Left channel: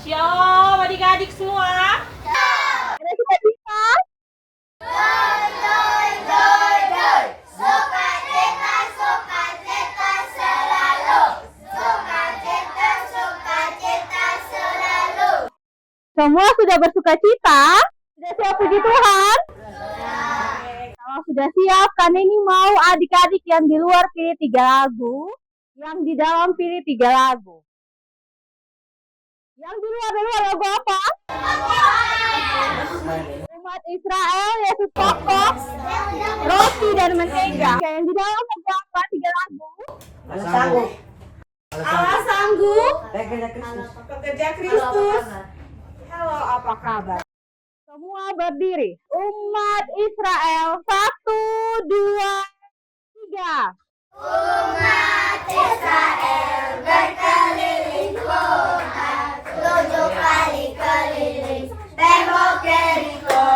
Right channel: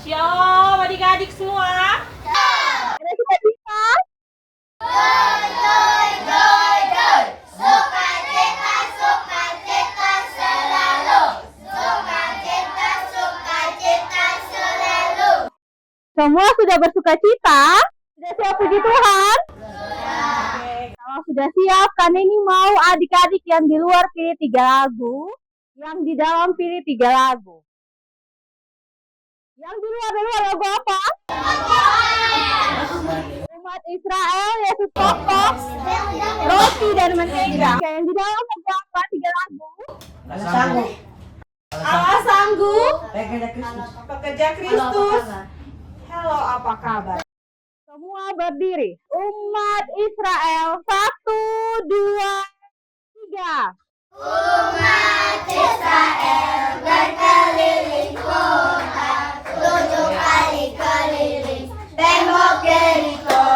Shalom adik-adik semua. Kita sudah bisa. Semua sudah bersuka cita? Sudah siap puji Tuhan? Kalau sudah siap, kan ini mau adik-adik yang di luar pilih 3 lagu, yang di dalam pilih 3 lagu. Yang di luar lagu apa? Umat Israel, Yesus pokok, roti dan mentega. Yang di dalam lagu apa? 3 lagu. Allah sanggup, pekerja Kristus. Halo, apa kabar? Semua berdiri. Umat Israel, 1, 2, 3. Umat Israel berkeliling kota, 7 kali keliling tembok Yeriko.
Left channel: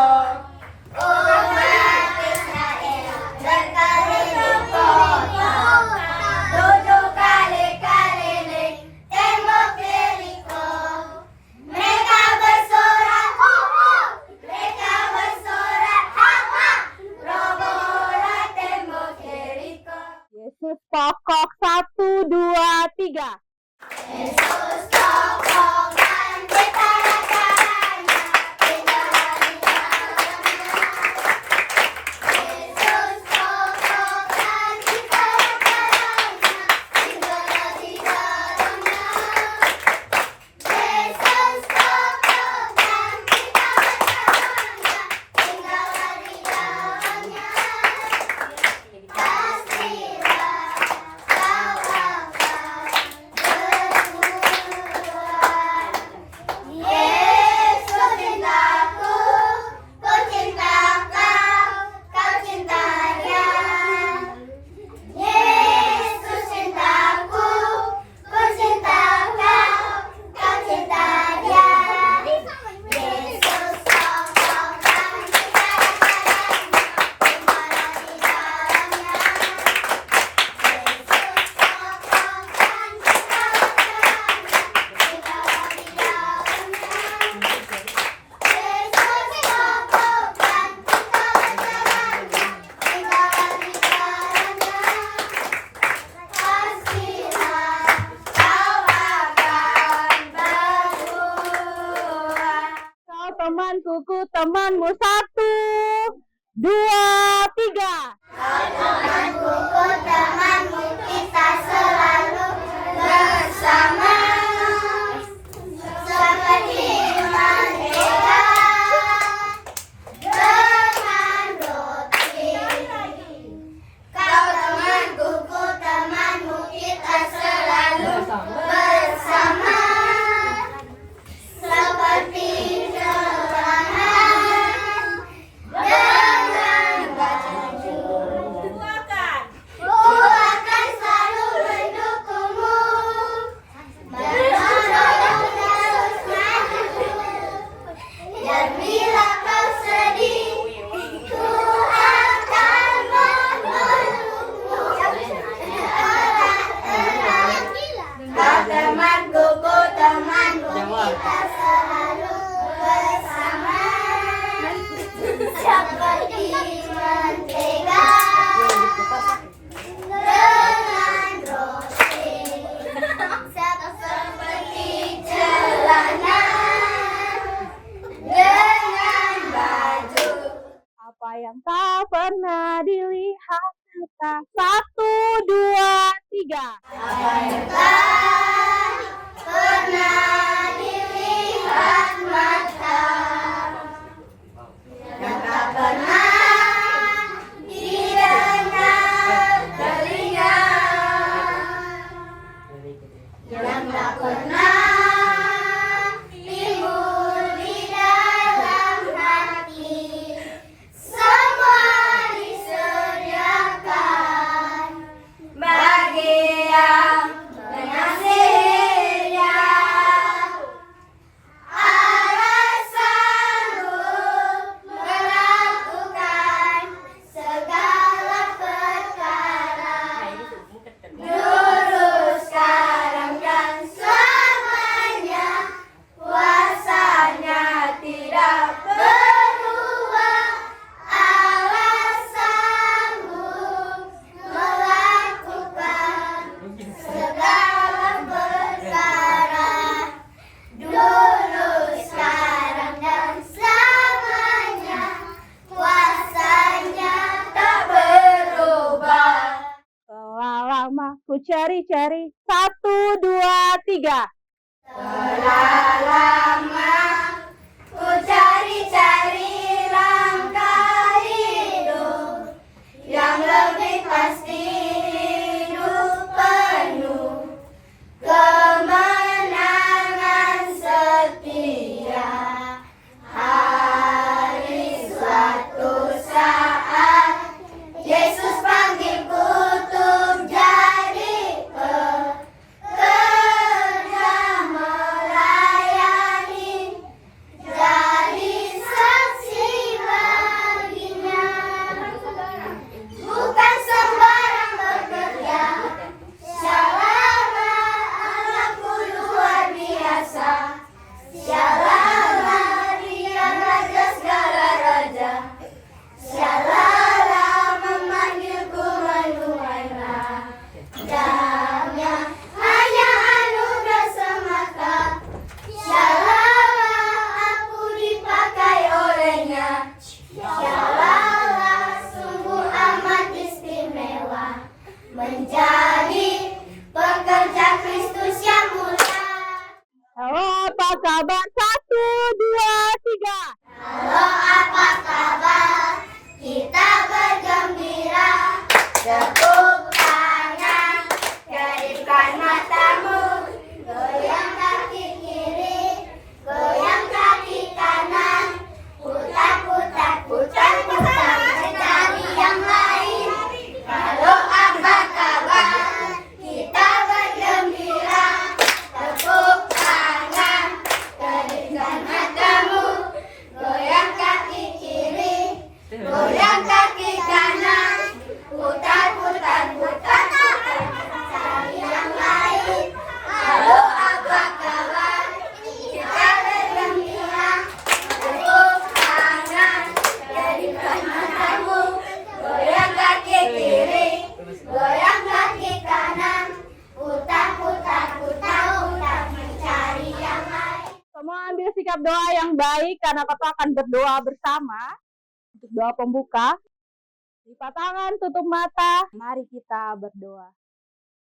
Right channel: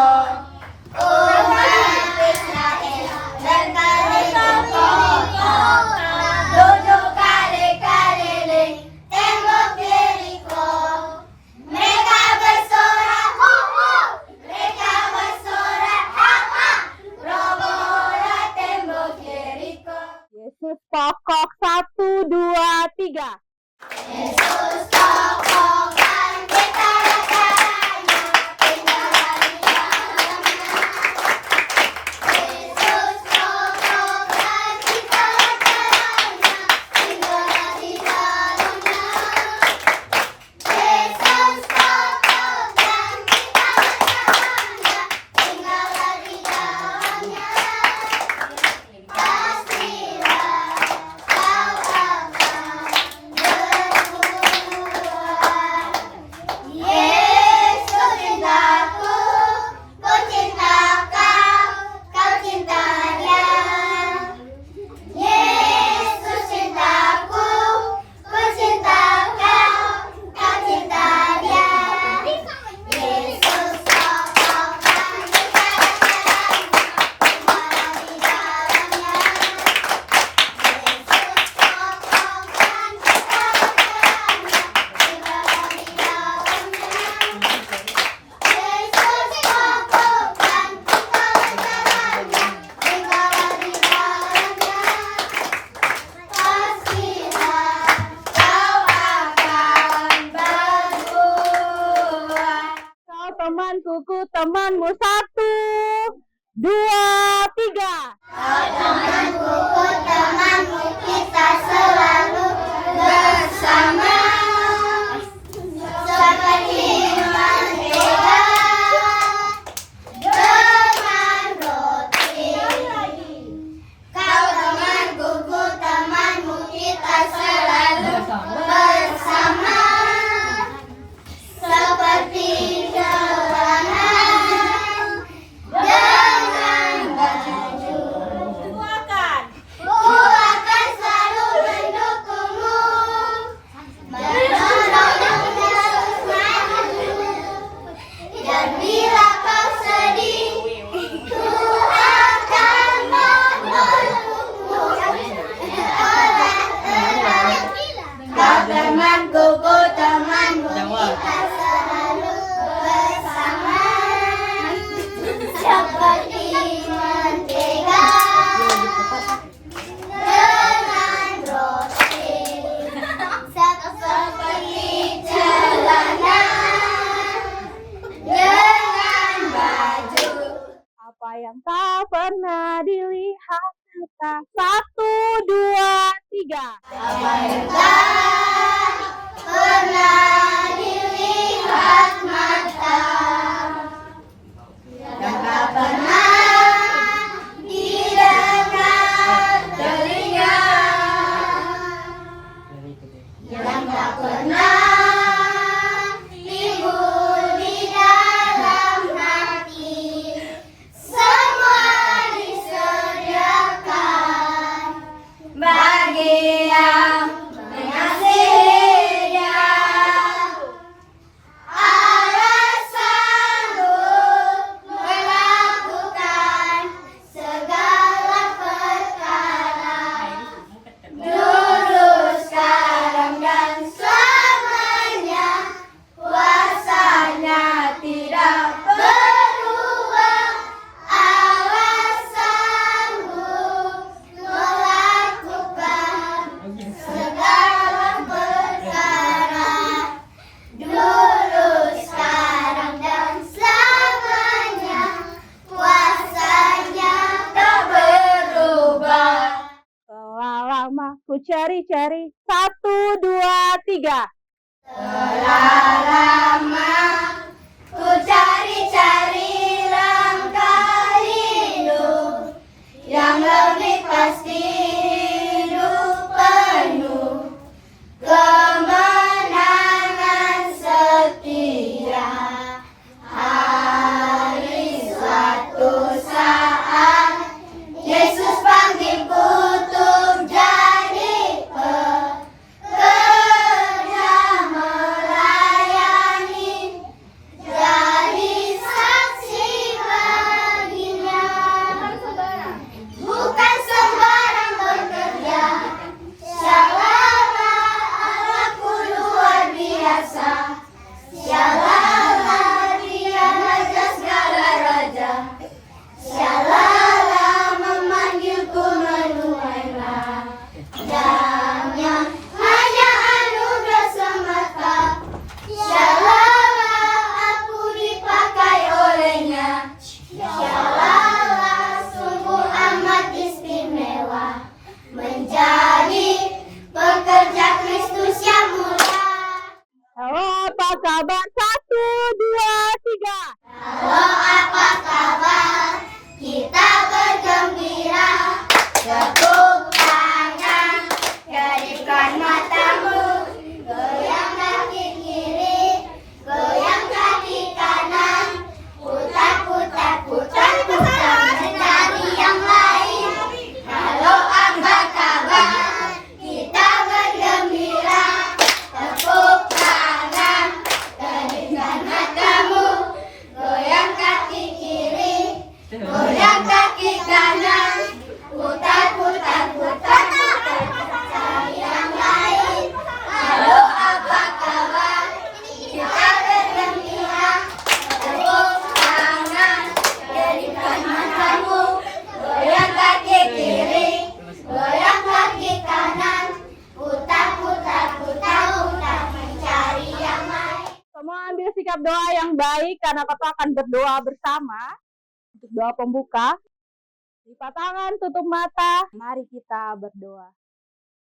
Umat Israel berkeliling kota, 7 kali keliling tembok Yeriko. Mereka bersorak ho-ho, mereka bersorak ha-ha, robohlah tembok Yeriko. Yesus pokok, 1, 2, 3. Yesus pokok dan kita raganya, tinggallah di dalamnya. Yesus pokok dan kita raganya, tinggallah di dalamnya. Yesus pokok dan kita raganya, tinggallah di dalamnya. Pastilah kau akan Yesus cintaku, ku cinta kau, kau cinta dia. Yesus cintaku, ku cinta kau, kau cinta dia. Yesus pokok dan kita raganya, tinggallah di dalamnya. Yesus pokok dan kita raganya, tinggallah di dalamnya. Yesus pokok dan kita raganya, tinggallah di dalamnya. Pastilah kau akan berbuah. Kau temanku, temanmu, 1, 2, 3. Temanku, temanmu, kita selalu bersama. Seperti mentega dengan roti. Kau temanku, temanmu, kita selalu bersama. Seperti celana dengan baju. Ku akan selalu mendukungmu, menolongmu terus maju. Dan bila kau sedih, ku akan menolongmu. Kau temanku, ku temanmu, kita selalu bersama. Seperti mentega dengan roti, seperti celana dengan baju. Apa yang tak pernah dilihat mata, 1, 2, 3. Apa yang tak pernah dilihat mata, yang tak pernah didengar telinga, yang tak pernah timbul di dalam hati, semua disediakan bagi yang mengasihinya. cari-cari. 1, 2, 3. Telah lama ku cari-cari langkah hidup yang lebih pasti, hidup penuh kemenangan setia. Hari suatu saat Yesus panggilku untuk jadi pekerja melayani, jadi saksi baginya. Bukan sembarang bekerja, Syalala Allahku luar biasa. Syalala Dia raja segala raja. Syalala memanggilku menuai rajanya, hanya anugerah semata. Syalala aku dipakai olehnya. Syalala sungguh amat istimewa menjadi pekerja Kristus yang mulia. Halo, apa kabar? 1, 2, 3. Halo, apa kabar? Kita bergembira. Tepuk tangan, kedipkan matamu, goyang kaki kiri, goyang kaki kanan, putar, putar, putar, putar, mencari yang lain. Halo, apa kabar? Kita bergembira. Tepuk tangan, kedipkan matamu, goyang kaki kiri, goyang kaki kanan, putar, putar, putar, putar, cari yang lain. Halo, apa kabar? Kita bergembira. Tepuk tangan, kedipkan matamu, goyang kaki kiri, goyang kaki kanan, putar, putar, putar, putar, mencari yang lain. Semua ambil sikap doa yang baik karena kita akan berdoa bersama. Untuk doa pembuka, lipat tangan, tutup mata. Mari kita berdoa.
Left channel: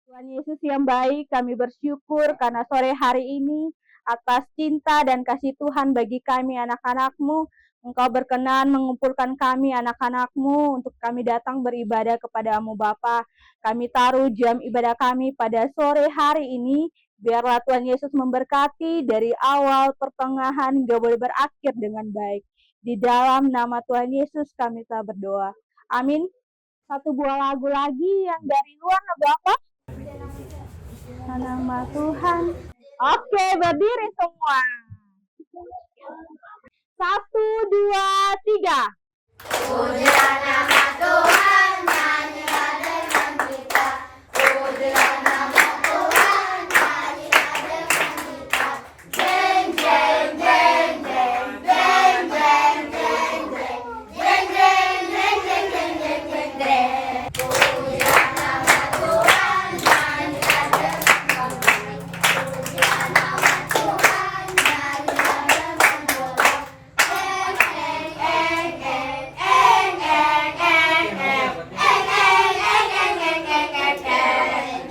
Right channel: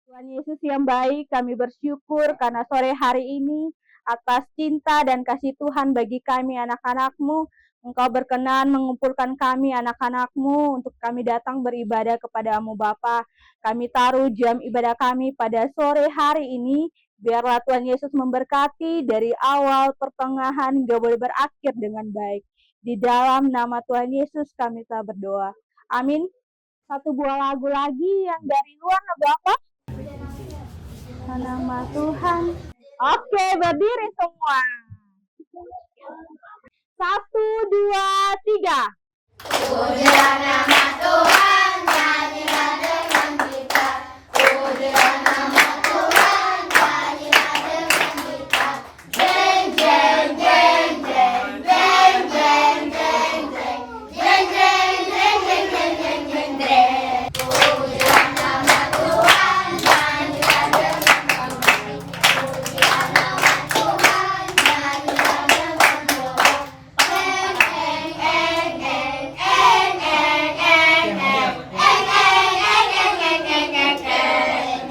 Tuhan Yesus yang baik, kami bersyukur karena sore hari ini atas cinta dan kasih Tuhan bagi kami anak-anak-Mu. Engkau berkenan mengumpulkan kami anak-anak-Mu untuk kami datang beribadah kepada-Mu Bapa. Kami taruh jam ibadah kami pada sore hari ini. Biarlah Tuhan Yesus memberkati dari awal, pertengahan, hingga boleh berakhir dengan baik. Di dalam nama Tuhan Yesus kami telah berdoa. Amin. Satu buah lagu lagi yang dari luar, lagu apa? Nama Tuhan. Oke, berdiri semua. 1, 2, 3. Pujilah nama Tuhan, nyanyilah dengan kita. Pujilah nama Tuhan, nyanyilah dengan kita. Jeng jeng jeng jeng jeng jeng jeng jeng jeng jeng jeng jeng jeng jeng jeng jeng. Pujilah nama Tuhan, nyanyilah dengan kita. Pujilah nama Tuhan, nyanyilah dengan kita. Eng eng eng eng eng eng eng eng.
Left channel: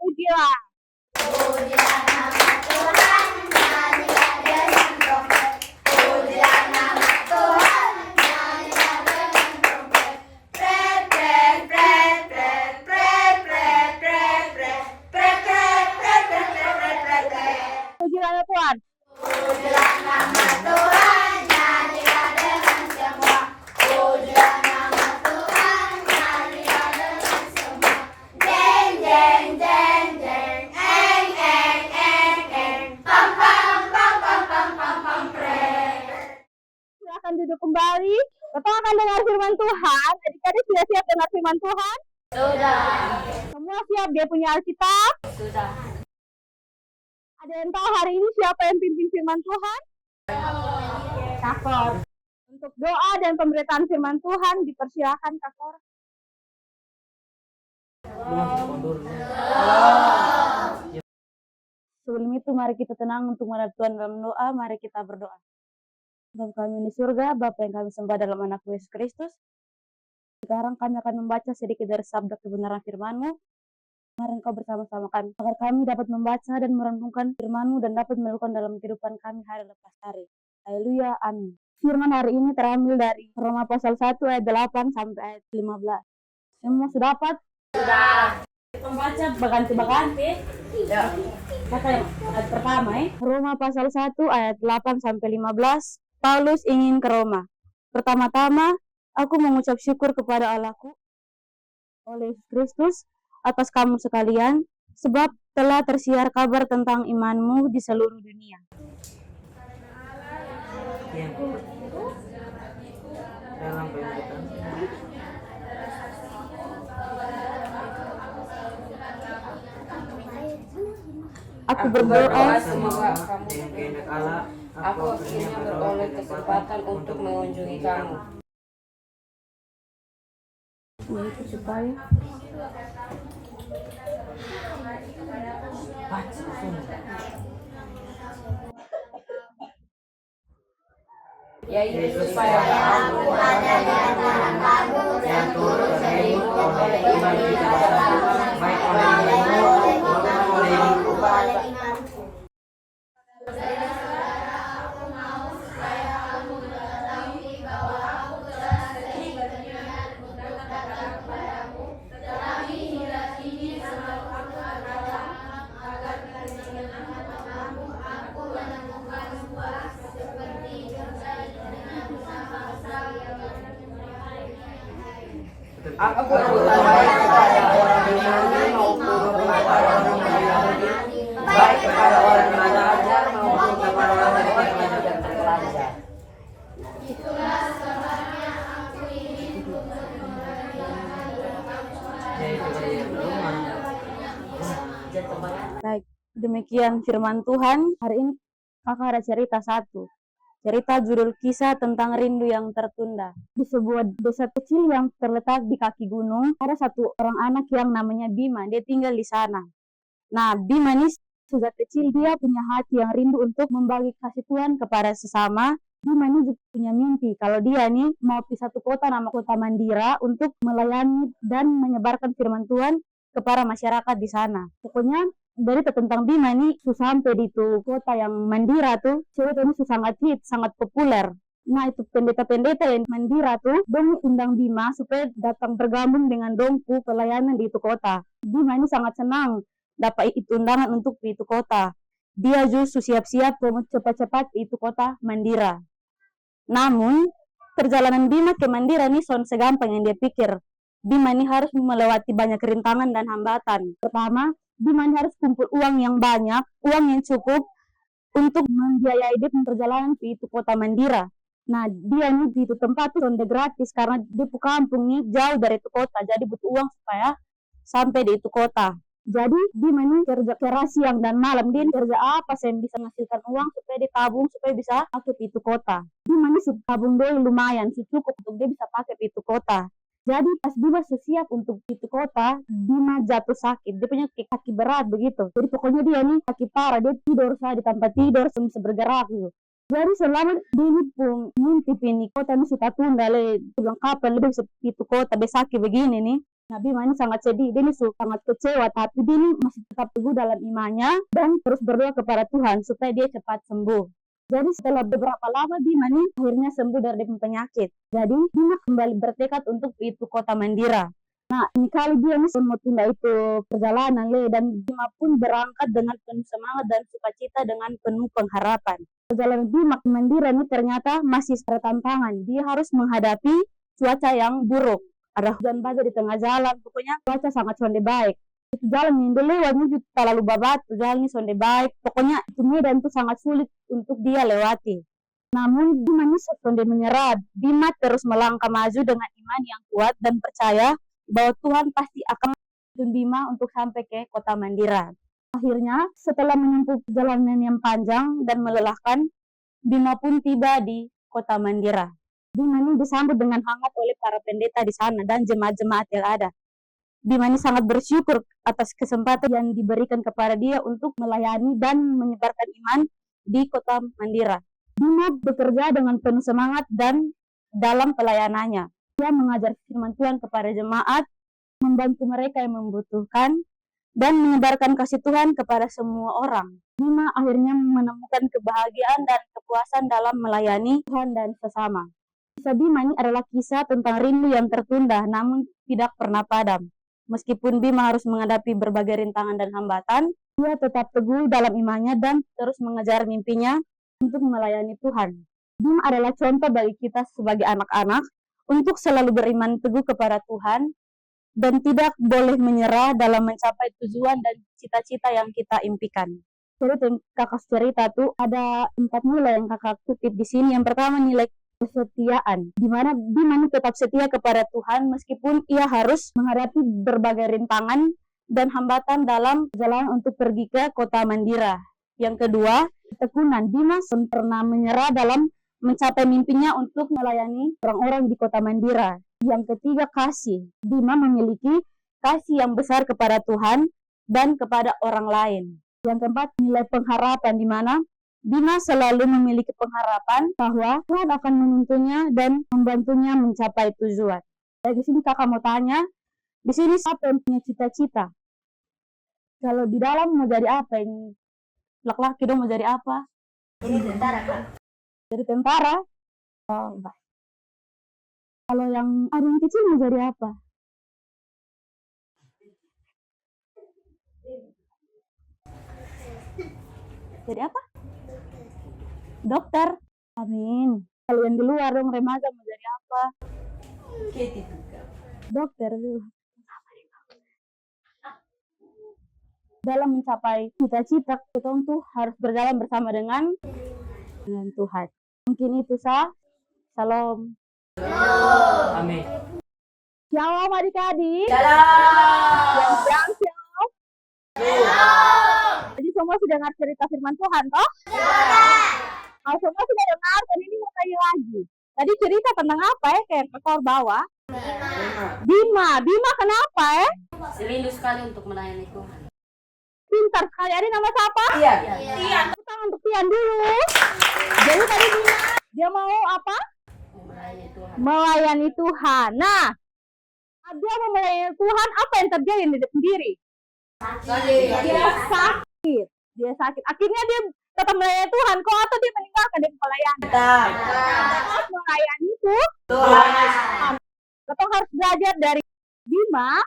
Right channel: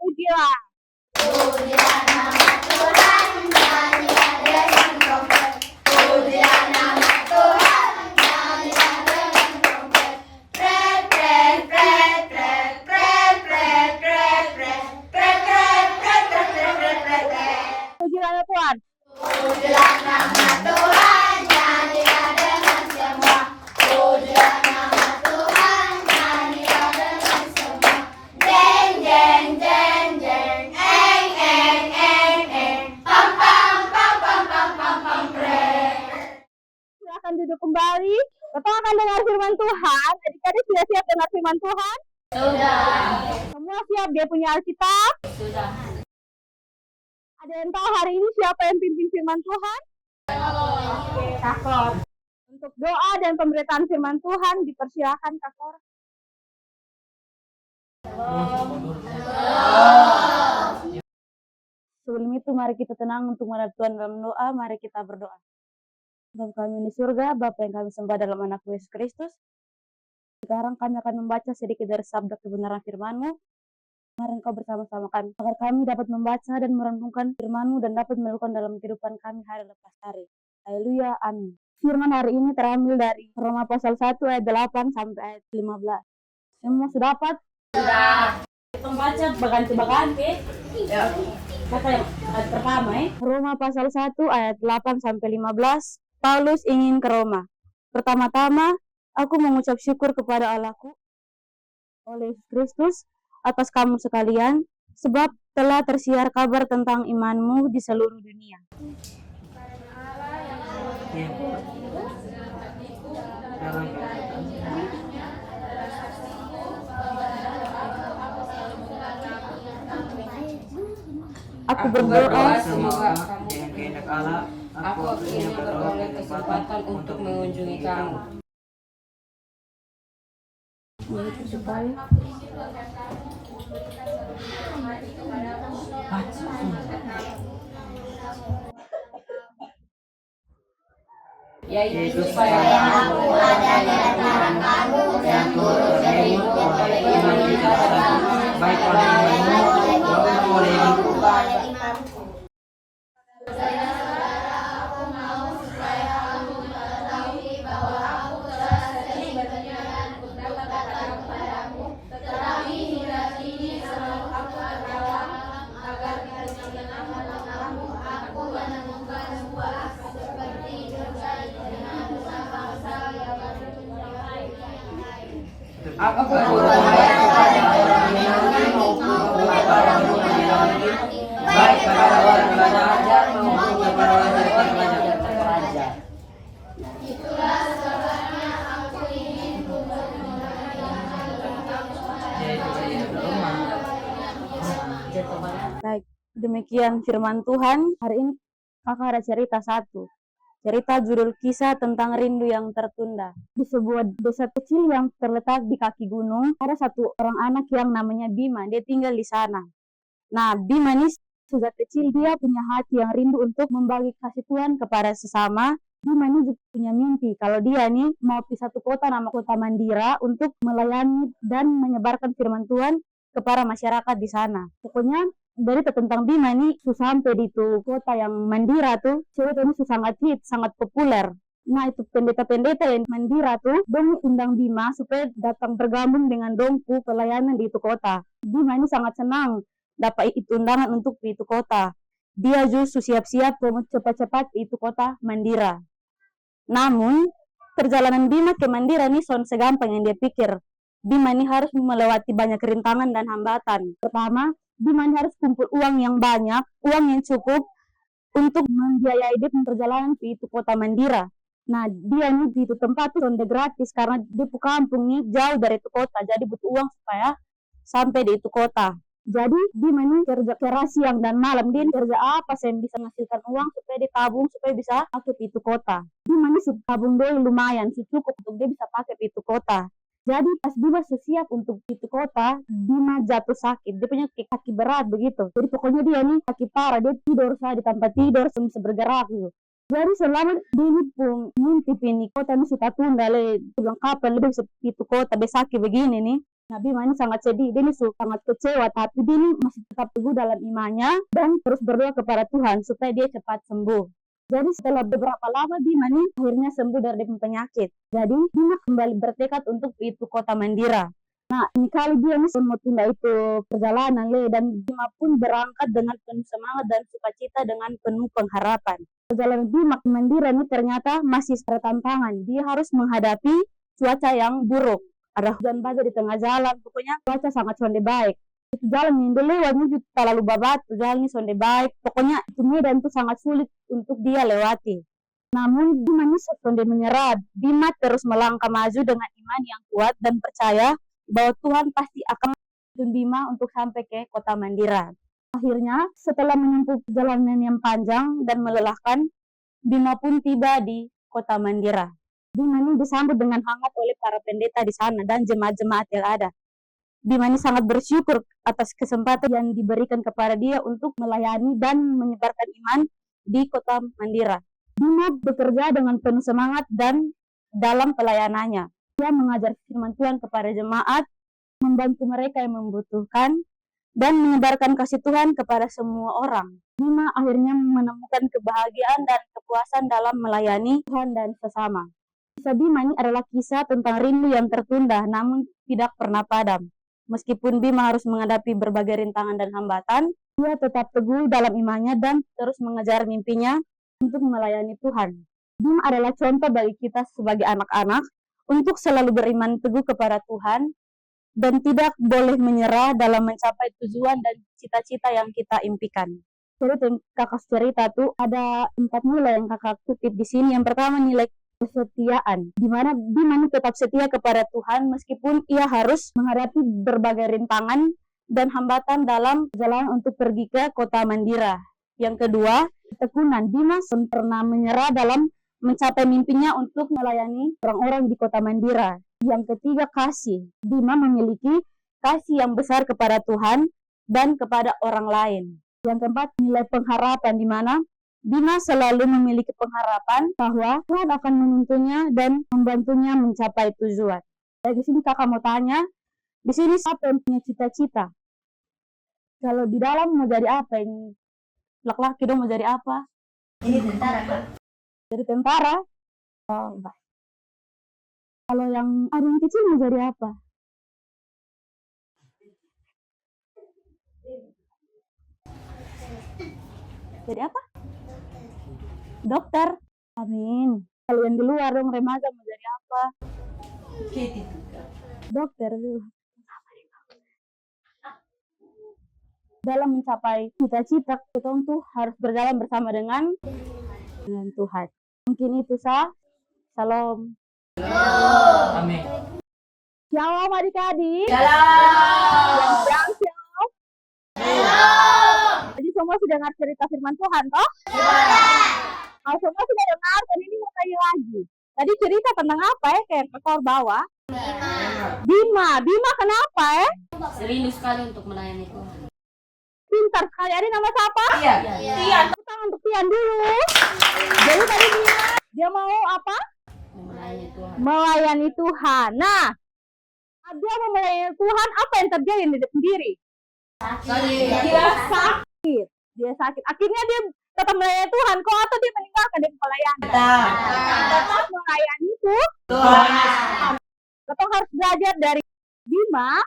Pujilah. Pujilah nama Tuhan, nyanyilah dengan trompet. Pujilah nama Tuhan, nyanyilah dengan trompet. Pret pret pret pret pret pret pret pret pret pret pret pret pret pret pret pret. Pujilah Tuhan. Pujilah nama Tuhan, nyanyilah dengan sembah. Pujilah nama Tuhan, nyanyilah dengan sembah. Jeng jeng jeng jeng, eng eng eng eng, pam pam pam pam pam pam pam pret. Silakan duduk kembali. Bapak akan dengar firman Tuhan. Adik-adik sudah siap dengar firman Tuhan? Sudah. Semua siap? Dia punya Alkitab? Sudah. Ada yang tahu hari ini siapa yang pimpin firman Tuhan? Kakor. Untuk doa dan pemberitaan firman Tuhan, dipersilakan Kakor. Sebelum itu mari kita tenang untuk menghadap Tuhan dalam doa. Mari kita berdoa. Bapa kami di surga, Bapa yang kami sembah dalam anak Yesus Kristus. Sekarang kami akan membaca sedikit dari sabda kebenaran firman-Mu. Mari Engkau bersama-sama kami, agar kami dapat membaca dan merenungkan firman-Mu dan dapat melakukan dalam kehidupan kami hari lepas hari. Haleluya, amin. Firman hari ini terambil dari Roma pasal 1 ayat 8 sampai ayat 15. Semua sudah dapat? Sudah. Kita baca berganti-ganti. Kata yang ayat pertama Roma pasal 1 ayat 8 sampai 15. Paulus ingin ke Roma. Pertama-tama, aku mengucap syukur kepada Allahku oleh Yesus Kristus atas kamu sekalian, sebab telah tersiar kabar tentang imanmu di seluruh dunia. Aku berdoa Aku akhirnya beroleh kesempatan untuk mengunjungi kamu. yaitu supaya Yaitu supaya Aku ada di antara kamu dan turut darimu oleh iman kita baik oleh imanmu maupun oleh imanku. aku berdoa kepada orang Yunani maupun kepada orang Yunani, baik kepada orang belajar maupun kepada orang yang tidak belajar. baik. Demikian firman Tuhan. Hari ini kakak ada cerita satu. Cerita judul kisah tentang rindu yang tertunda. Di sebuah desa kecil yang terletak di kaki gunung, ada satu orang anak yang namanya Bima. Dia tinggal di sana. Nah, Bima ini sejak kecil dia punya hati yang rindu untuk membagi kasih Tuhan kepada sesama. Bima ini juga punya mimpi kalau dia nih mau pergi satu kota nama kota Mandira untuk melayani dan menyebarkan firman Tuhan kepada masyarakat di sana. Pokoknya berita tentang Bima ini sampai di itu kota yang Mandira tuh, cerita ini sangat hit, sangat populer. Nah itu pendeta-pendeta yang Mandira tuh, dong undang Bima supaya datang bergabung dengan dongku pelayanan di itu kota. Bima ini sangat senang dapat itu undangan untuk di itu kota. Dia justru siap-siap mau cepat-cepat di itu kota Mandira. Namun perjalanan Bima ke Mandira ini segampang yang dia pikir. Bima ini harus melewati banyak rintangan dan hambatan. Pertama, Bima ini harus kumpul uang yang banyak, uang yang cukup untuk membiayai dia perjalanan ke itu kota Mandira. Nah, dia ini di itu tempat tuh sonde gratis karena dia kampung nih jauh dari itu kota, jadi butuh uang supaya sampai di itu kota. Jadi Bima ini kerja keras siang dan malam, dia kerja apa yang bisa menghasilkan uang supaya ditabung supaya bisa pakai ke itu kota. Bima ini tabung dulu lumayan, cukup untuk dia bisa pakai ke itu kota. Jadi pas Bima siap untuk itu kota, Bima jatuh sakit. Dia punya kaki berat begitu. Jadi pokoknya dia nih kaki parah, dia tidur saja di tempat tidur, bisa bergerak gitu. Jadi selama dia ini pun mimpi ini kota ini kita tunda le, bilang kapan lebih bisa itu kota besaki begini nih. Nah Bima ini sangat sedih, dia ini sangat kecewa, tapi dia ini masih tetap teguh dalam imannya dan terus berdoa kepada Tuhan supaya dia cepat sembuh. Jadi setelah beberapa lama Bima nih akhirnya sembuh dari penyakit. Jadi Bima kembali bertekad untuk itu kota Mandira. Nah ini kali dia nih mau tunda itu perjalanan le, dan Bima pun berangkat dengan penuh semangat dan sukacita dengan penuh pengharapan. Perjalanan Bima ke Mandira ini ternyata masih bertantangan. Dia harus menghadapi cuaca yang buruk. Ada hujan badai di tengah jalan, pokoknya cuaca sangat sonde baik. Itu jalan yang dulu lewatnya terlalu babat, jalannya sonde baik, pokoknya itu medan itu sangat sulit untuk dia lewati. Namun Bima ini sonde menyerah. Bima terus melangkah maju dengan iman yang kuat dan percaya bahwa Tuhan pasti akan menuntun Bima untuk sampai ke kota Mandira. Akhirnya setelah menempuh perjalanan yang panjang dan melelahkan, Bima pun tiba di kota Mandira. Bima ini disambut dengan hangat oleh para pendeta di sana dan jemaat-jemaat yang ada. Bima ini sangat bersyukur atas kesempatan yang diberikan kepada dia untuk melayani dan menyebarkan iman di Kota Mandira. Bima bekerja dengan penuh semangat dan dalam pelayanannya. Dia mengajar firman Tuhan kepada jemaat, membantu mereka yang membutuhkan, dan menyebarkan kasih Tuhan kepada semua orang. Bima akhirnya menemukan kebahagiaan dan kepuasan dalam melayani Tuhan dan sesama. Kisah Bima ini adalah kisah tentang rindu yang tertunda namun tidak pernah padam. Meskipun Bima harus menghadapi berbagai rintangan dan hambatan, dia tetap teguh dalam imannya dan terus mengejar mimpinya untuk melayani Tuhan. Bima adalah contoh bagi kita sebagai anak-anak untuk selalu beriman teguh kepada Tuhan dan tidak boleh menyerah dalam mencapai tujuan dan cita-cita yang kita impikan. Jadi kakak cerita tuh ada 4 nilai yang kakak kutip di sini. Yang pertama nilai kesetiaan, di mana Bima tetap setia kepada Tuhan meskipun ia harus menghadapi berbagai rintangan dan hambatan dalam perjalanan untuk pergi ke Kota Mandira. Yang kedua, ketekunan. Bima pernah menyerah dalam mencapai mimpinya untuk melayani orang-orang di Kota Mandira. Yang ketiga, kasih. Bima memiliki kasih yang besar kepada Tuhan dan kepada orang lain. Yang keempat, nilai pengharapan, di mana Bima selalu memiliki pengharapan bahwa Tuhan akan menuntunnya dan membantunya mencapai tujuan. Dari sini kakak mau tanya, di sini siapa yang punya cita-cita? Kalau di dalam mau jadi apa? Yang laki-laki dong mau jadi apa? Jadi tentara. Jadi tentara. Oh, baik. Kalau yang ada yang kecil mau jadi apa? Jadi apa? Dokter. Amin. Kalau yang di luar dong remaja mau jadi apa? Dokter tuh. Dalam mencapai cita-cita kita tuh harus berjalan bersama dengan Tuhan. Mungkin itu Salam. Amin. Shalom adik-adik. Shalom. Yang shalom. Jadi semua sudah dengar cerita firman Tuhan toh? Kalau semua sudah dengar, dan ini mau tanya lagi. Tadi cerita tentang apa ya? Kayak ekor bawah. Bima kenapa ya? Rindu sekali untuk melayani Tuhan. Pintar sekali. Ada nama siapa? Tian. Tepuk tangan untuk Tian dulu. Jadi tadi Bima, dia mau apa? Melayani Tuhan. Melayani Tuhan. Nah, dia mau melayani Tuhan, apa yang terjadi di sendiri? Dia sakit. Akhirnya dia tetap melayani Tuhan. Kok atau dia meninggalkan dia melayani? Tetap melayani Tuhan. Kita harus belajar dari Bima.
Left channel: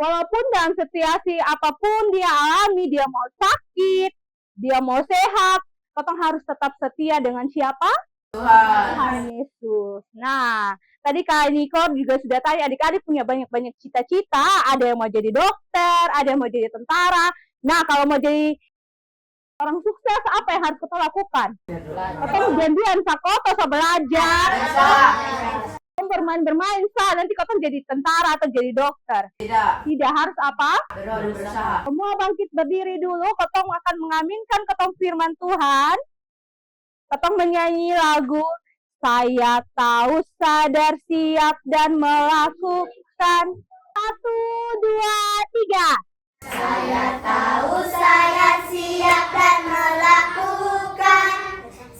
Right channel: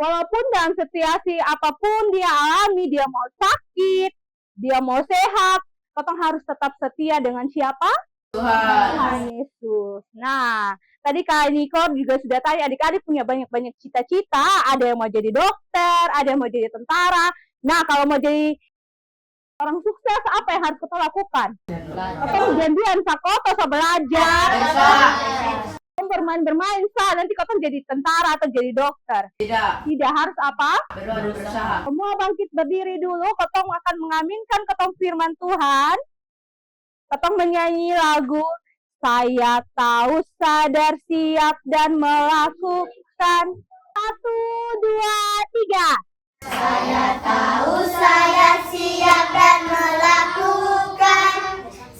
Walaupun dalam situasi apapun dia alami, dia mau sakit, dia mau sehat, kita harus tetap setia dengan siapa? Tuhan Yesus. Nah, tadi Kak Niko juga sudah tanya, adik-adik punya banyak-banyak cita-cita. Ada yang mau jadi dokter, ada yang mau jadi tentara. Nah, kalau mau jadi orang sukses, apa yang harus kita lakukan? Kita janjian sakoto, belajar. Bermain-bermain nanti kau jadi tentara atau jadi dokter. Tidak harus apa? Berusaha. Semua bangkit berdiri dulu. Kau akan mengaminkan kau firman Tuhan. Kau menyanyi lagu Saya Tahu, Sadar, Siap dan Melakukan. 1, 2, 3. Saya tahu, saya siap dan melakukan.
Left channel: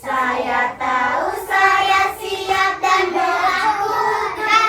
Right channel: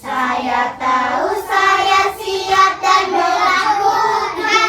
Saya tahu, saya siap dan melakukan.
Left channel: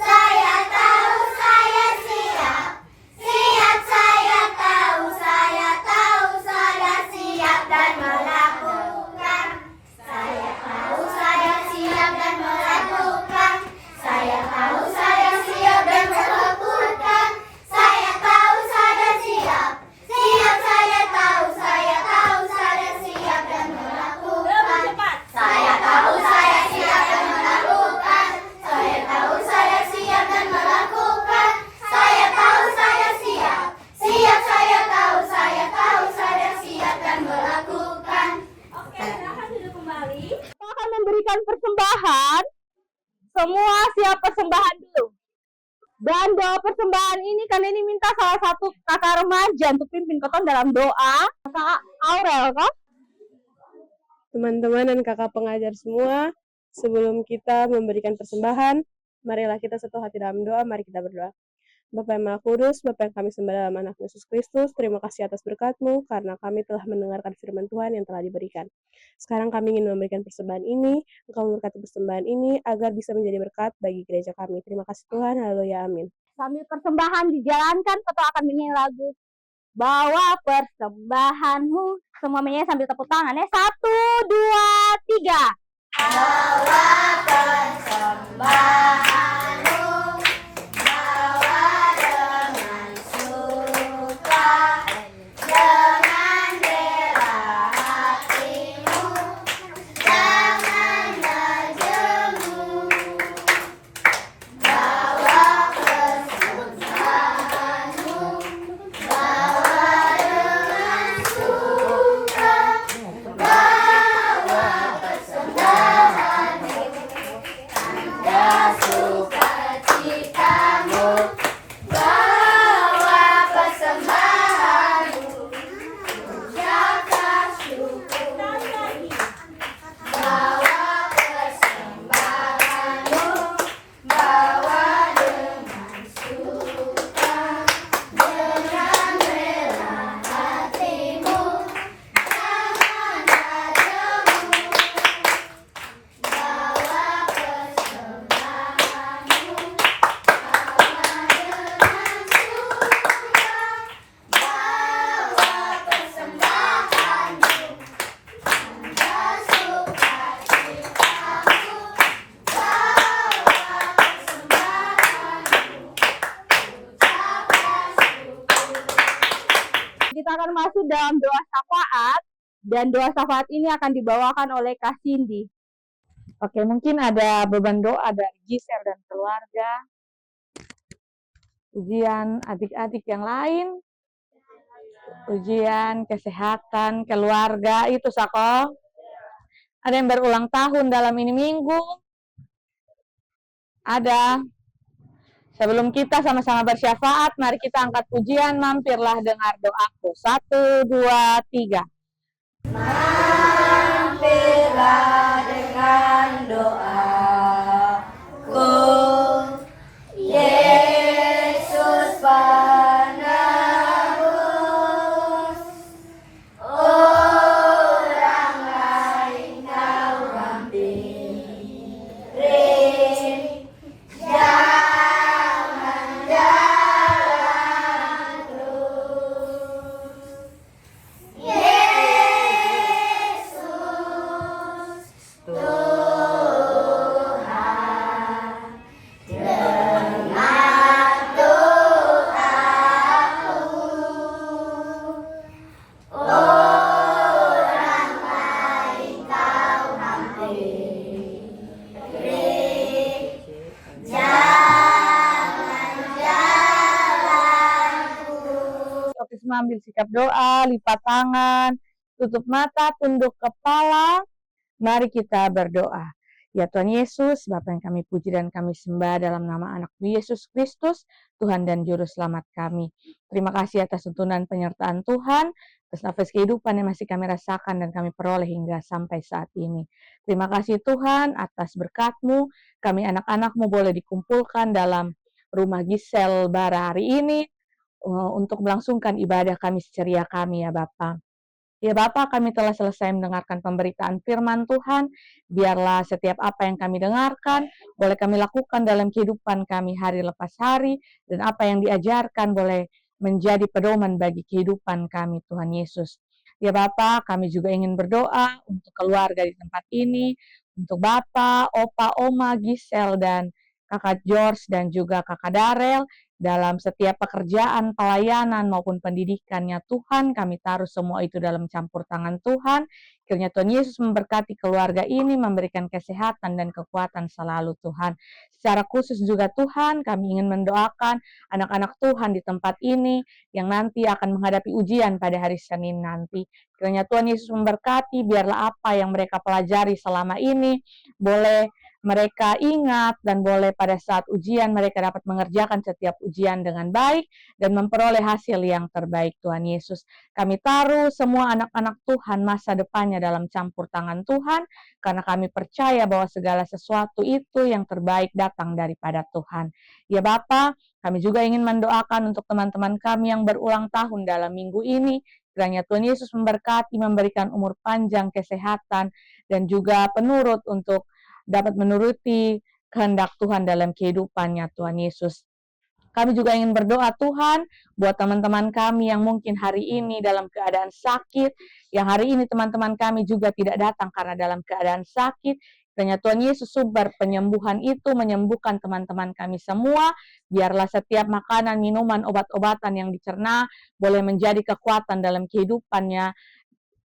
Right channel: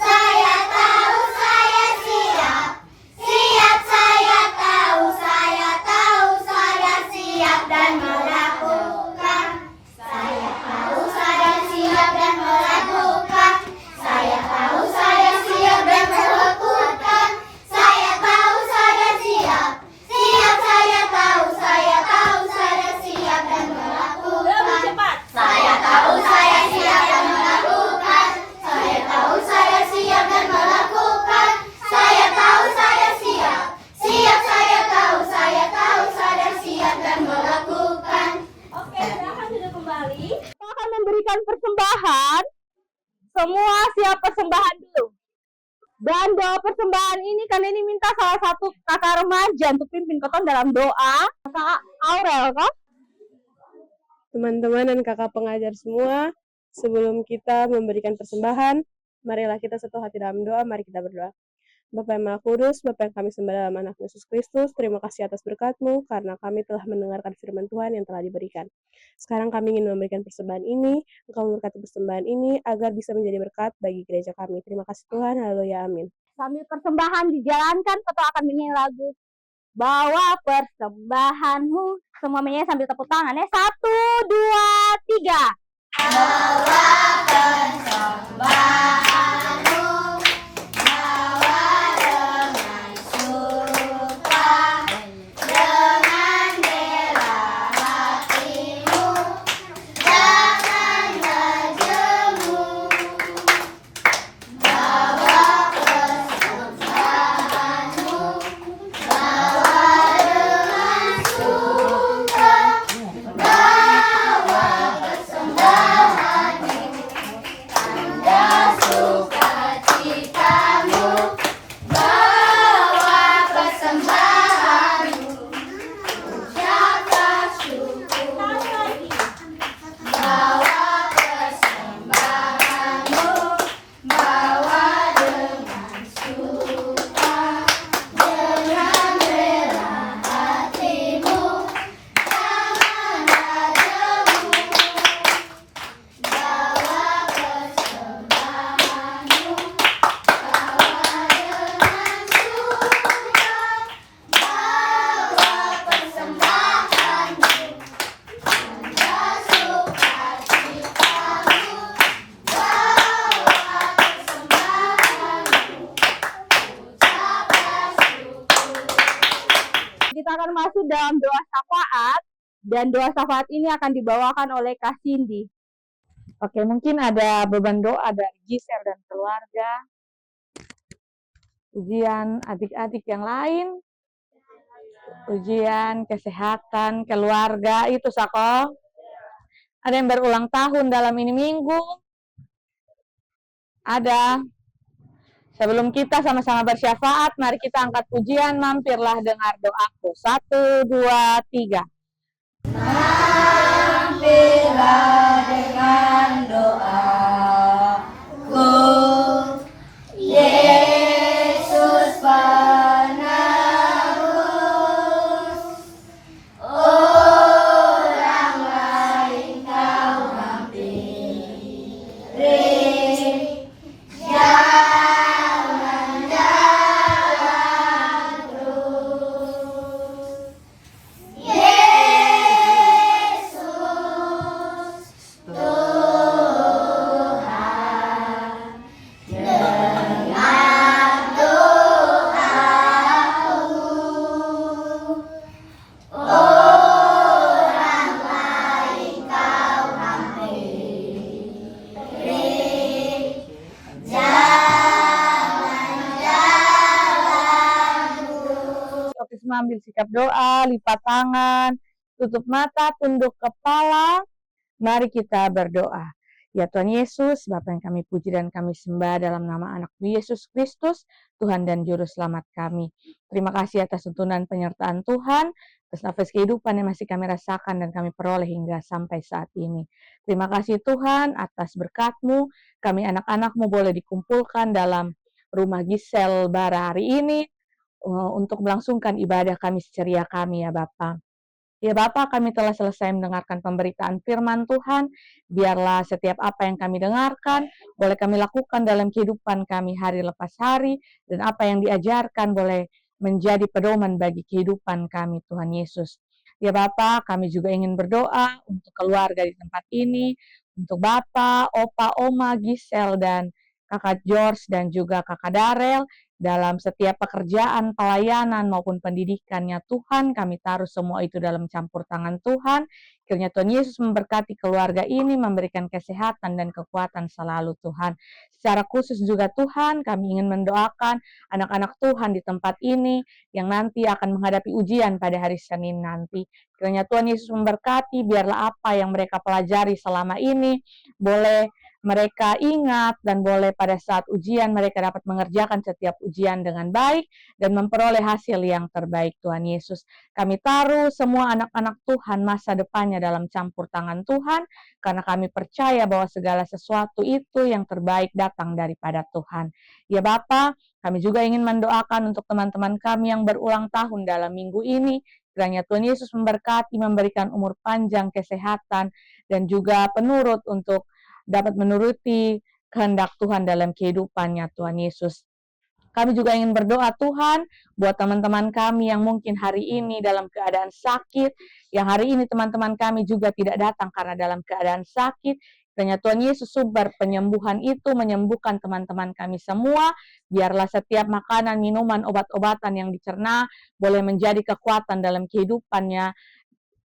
Saya tahu, saya siap. Siap, saya tahu, saya siap dan melakukan. Saya tahu, saya siap dan melakukan. Saya tahu, saya siap dan melakukan. Saya tahu, saya siap. Siap, saya tahu, saya siap dan melakukan. Saya tahu, saya siap dan melakukan. Saya tahu, saya siap dan melakukan. Saya tahu, saya siap. Siap, saya tahu, saya siap dan melakukan. Oke, silakan sudah kembali. Kita akan memberikan persembahan. Semua siap persembahan dulu. Dan doa persembahan ini kali ini minta salah satu kakak remaja untuk pimpin koton dalam doa. Kakak Aurel kan? Teman-teman dan kakak pengajar semua, sebelum kita memberikan persembahan, marilah kita satu hati dalam doa, mari kita berdoa. Bapa yang Maha Kudus, Bapa yang kami sembah dalam anak Yesus Kristus, terima kasih atas berkat-Mu karena kami telah mendengarkan firman Tuhan yang telah diberikan. Sekarang kami ingin memberikan persembahan ini, Engkau memberkati persembahan ini agar bisa menjadi berkat bagi gereja kami. Terima kasih Tuhan, haleluya, amin. Sambil persembahan dijalankan, Ketua akan menyanyi lagu Bawa Persembahanmu. Semua menyanyi sambil tepuk tangan ya. 1, 2, 3. Bawa persembahanmu, bawa dengan suka, dengan rela hatimu, jangan menjemu. Bawa persembahanmu, bawa dengan suka, bawa persembahanmu, tanda sukacitamu, bawa persembahanmu, ucapkan syukur, bawa persembahanmu, bawa dengan suka, dengan rela hatimu, jangan ragu, bawa persembahanmu, bawa dengan suka, bawa persembahanmu, tanda sukacitamu, bawa persembahanmu, ucapkan syukur. Kita akan masuk dalam doa syafaat, dan doa syafaat ini akan dibawakan oleh Kak Cindy. Oke, mungkin ada beban doa dari Giselle dan keluarga, ujian adik-adik yang lain, ujian kesehatan keluarga itu Sako. Ada yang berulang tahun dalam ini minggu. Ada. Sebelum kita sama-sama bersyafaat, mari kita angkat pujian, mampirlah dengar doaku. 1, 2, 3. Mampirlah dengan doaku, Yesus penebus, orang lain kau hampiri, jangan jalan terus. Yesus Tuhan, dengan doaku, orang lain kau hampiri, jangan jalan terus. Oke, semua ambil sikap doa, lipat tangan, tutup mata, tunduk kepala. Mari kita berdoa. Ya Tuhan Yesus, Bapa yang kami puji dan kami sembah dalam nama anak-Mu Yesus Kristus, Tuhan dan Juru Selamat kami. Terima kasih atas tuntunan penyertaan Tuhan, atas nafas kehidupan yang masih kami rasakan dan kami peroleh hingga sampai saat ini. Terima kasih Tuhan atas berkat-Mu, kami anak-anak-Mu boleh dikumpulkan dalam rumah Giselle Bara hari ini, untuk melangsungkan ibadah kami seceria kami ya Bapa. Ya Bapa, kami telah selesai mendengarkan pemberitaan firman Tuhan. Biarlah setiap apa yang kami dengarkan, boleh kami lakukan dalam kehidupan kami hari lepas hari. Dan apa yang diajarkan boleh menjadi pedoman bagi kehidupan kami, Tuhan Yesus. Ya Bapa, kami juga ingin berdoa untuk keluarga di tempat ini. Untuk Bapa, Opa, Oma, Giselle, dan Kakak George, dan juga Kakak Darel. Dalam setiap pekerjaan, pelayanan, maupun pendidikannya Tuhan, kami taruh semua itu dalam campur tangan Tuhan. Kiranya Tuhan Yesus memberkati keluarga ini, memberikan kesehatan dan kekuatan selalu Tuhan. Secara khusus juga Tuhan, kami ingin mendoakan anak-anak Tuhan di tempat ini yang nanti akan menghadapi ujian pada hari Senin nanti. Kiranya Tuhan Yesus memberkati, biarlah apa yang mereka pelajari selama ini boleh mereka ingat dan boleh pada saat ujian mereka dapat mengerjakan setiap ujian dengan baik dan memperoleh hasil yang terbaik. Tuhan Yesus, kami taruh semua anak-anak Tuhan masa depannya dalam campur tangan Tuhan, karena kami percaya bahwa segala sesuatu itu yang terbaik datang daripada Tuhan. Ya Bapa, kami juga ingin mendoakan untuk teman-teman kami yang berulang tahun dalam minggu ini. Kiranya Tuhan Yesus memberkati, memberikan umur panjang, kesehatan, dan juga penurut untuk dapat menuruti kehendak Tuhan dalam kehidupannya, Tuhan Yesus. Kami juga ingin berdoa Tuhan buat teman-teman kami yang mungkin hari ini dalam keadaan sakit, yang hari ini teman-teman kami juga tidak datang karena dalam keadaan sakit. Kiranya Tuhan Yesus sumber penyembuhan itu menyembuhkan teman-teman kami semua. Biarlah setiap makanan, minuman, obat-obatan yang dicerna boleh menjadi kekuatan dalam kehidupannya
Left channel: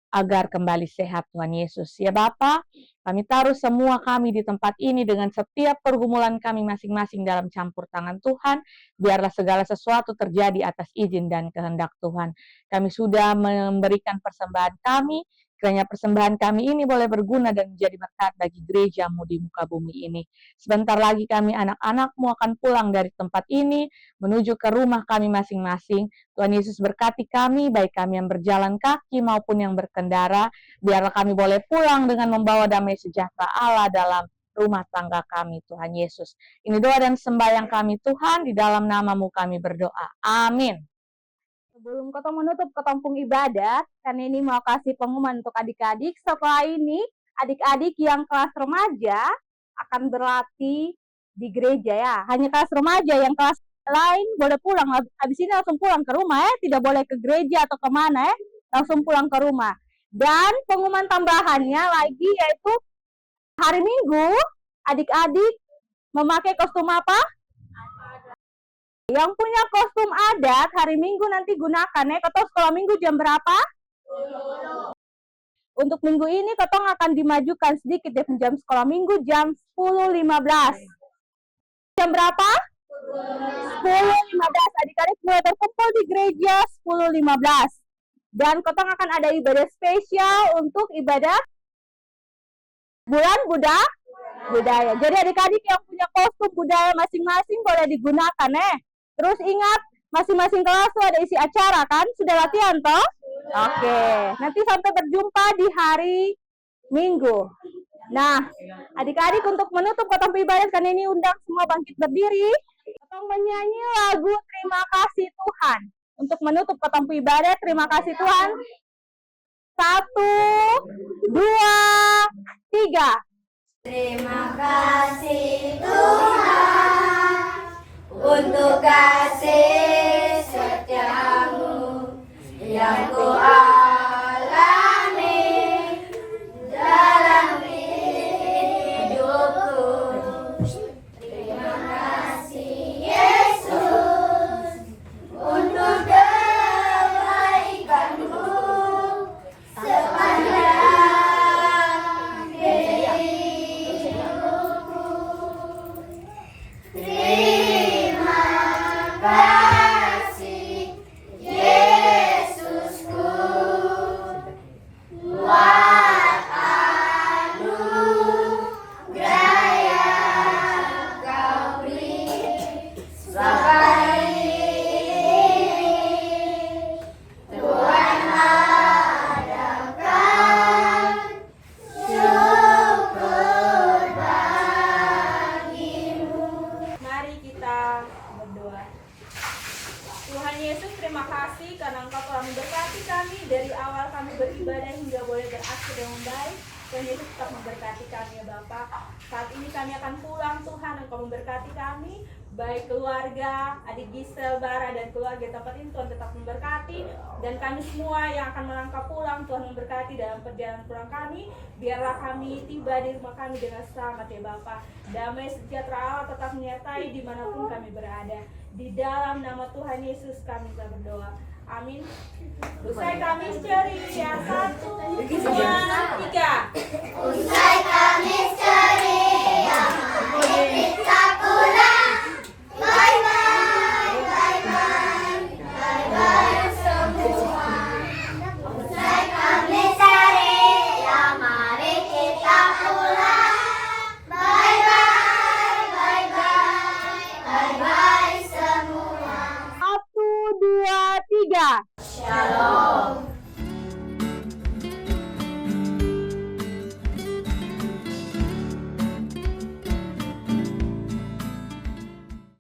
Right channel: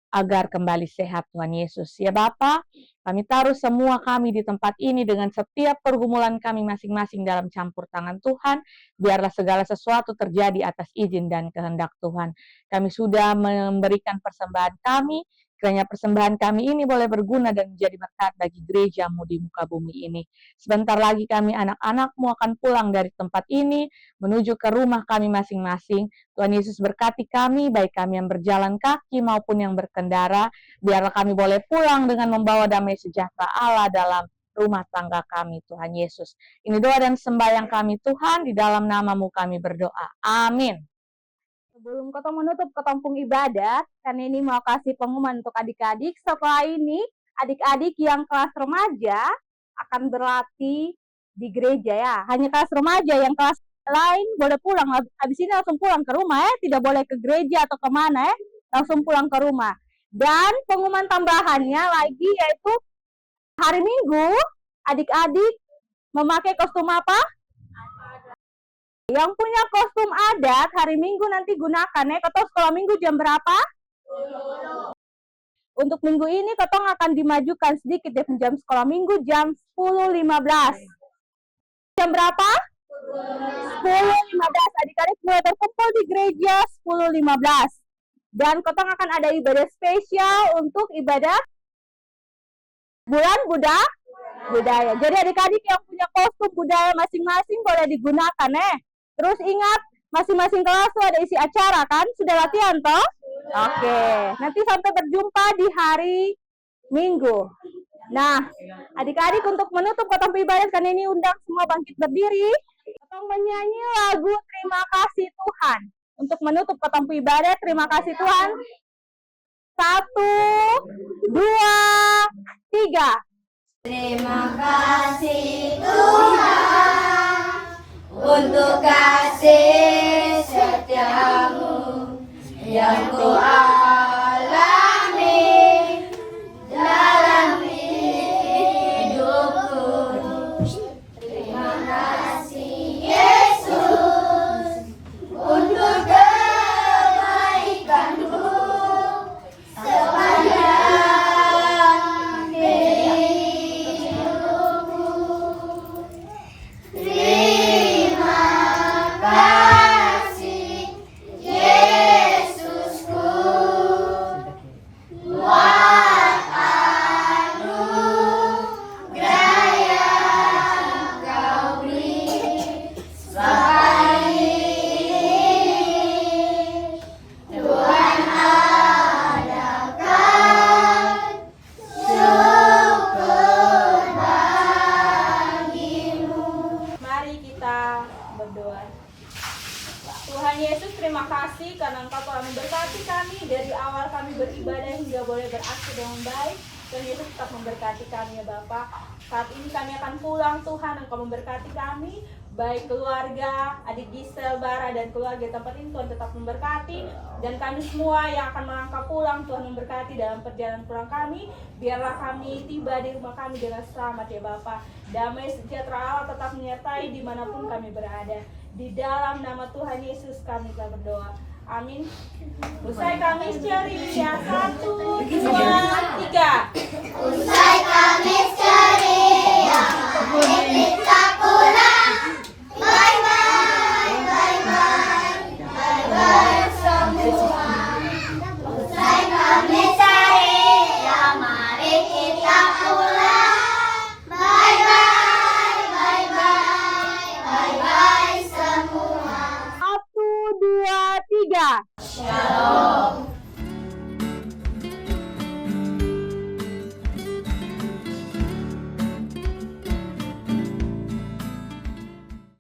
agar kembali sehat, Tuhan Yesus. Ya Bapa, kami taruh semua kami di tempat ini dengan setiap pergumulan kami masing-masing dalam campur tangan Tuhan. Biarlah segala sesuatu terjadi atas izin dan kehendak Tuhan. Kami sudah memberikan persembahan kami. Kiranya persembahan kami ini boleh berguna dan menjadi berkat bagi gereja-Mu di muka bumi ini. Sebentar lagi kami anak-anak-Mu akan pulang dari tempat ini menuju ke rumah kami masing-masing. Tuhan Yesus berkati kami, baik kami yang berjalan kaki maupun yang berkendara. Biarlah kami boleh pulang dengan membawa damai sejahtera Allah dalam rumah tangga kami, Tuhan Yesus. Ini doa dan sembahyang kami Tuhan, di dalam nama-Mu kami berdoa. Amin. Sebelum Kotong menutup Kotong ibadat, kan ini mau kasih pengumuman untuk adik-adik. Setelah ini, adik-adik yang kelas remaja akan berlatih di gereja ya. Hanya kelas remaja, yang kelas lain boleh pulang. Habis ini langsung pulang ke rumah ya. Tidak boleh ke gereja atau kemana ya. Langsung pulang ke rumah. Dan pengumuman tambahannya lagi yaitu hari Minggu, adik-adik memakai kostum apa? Yang punya kostum adat hari Minggu nanti gunakan ya. Ketong sekolah Minggu jam berapa? 10. Untuk minggu ini Ketong akan dimajukan sedikit ya, jam sekolah Minggu jam 10.15. Jam berapa? 10.15. Adik-adik mulai berkumpul di gereja 10.15. Dan Ketong akan ada ibadah spesial untuk ibadah bulan budaya. Jadi adik-adik yang punya kostum budaya masing-masing boleh digunakan ya. Terus ingat, masing-masing kelas tuh ada isi acara kan? Sudah latihan toh? Oke. Nanti sampai berjumpa di hari Minggu. Nah, adik-adik untuk menutup Kotong ibadat kan ini undang semua bangkit berdiri. Kotong menyanyi lagu Terima Kasih Tuhan. Untuk menutup Kotong ibadat, terima kasih Tuhan. 1, 2, 3. Terima kasih Tuhan untuk kasih setiamu yang ku alami dalam hidupku. Terima kasih Yesus untuk kebaikanmu sepanjang hidupku. Terima kasih Yesusku buat anugerah yang Kau beri selama ini. Tuhan adakan syukur bagimu. Mari kita berdoa. Tuhan Yesus, terima kasih karena Engkau telah memberkati kami dari awal kami beribadah hingga boleh berakhir dengan baik. Tuhan Yesus tetap memberkati kami ya Bapa. Saat ini kami akan pulang Tuhan, Engkau memberkati kami, baik keluarga, adik Gisel, Bara, dan keluarga tempat ini Tuhan tetap memberkati. Dan kami semua yang akan melangkah pulang, Tuhan memberkati dalam perjalanan pulang kami. Biarlah kami tiba di rumah kami dengan selamat ya Bapa. Damai sejahtera Allah tetap menyertai dimanapun kami berada. Di dalam nama Tuhan Yesus kami telah berdoa. Amin. Usai kami ceria 1,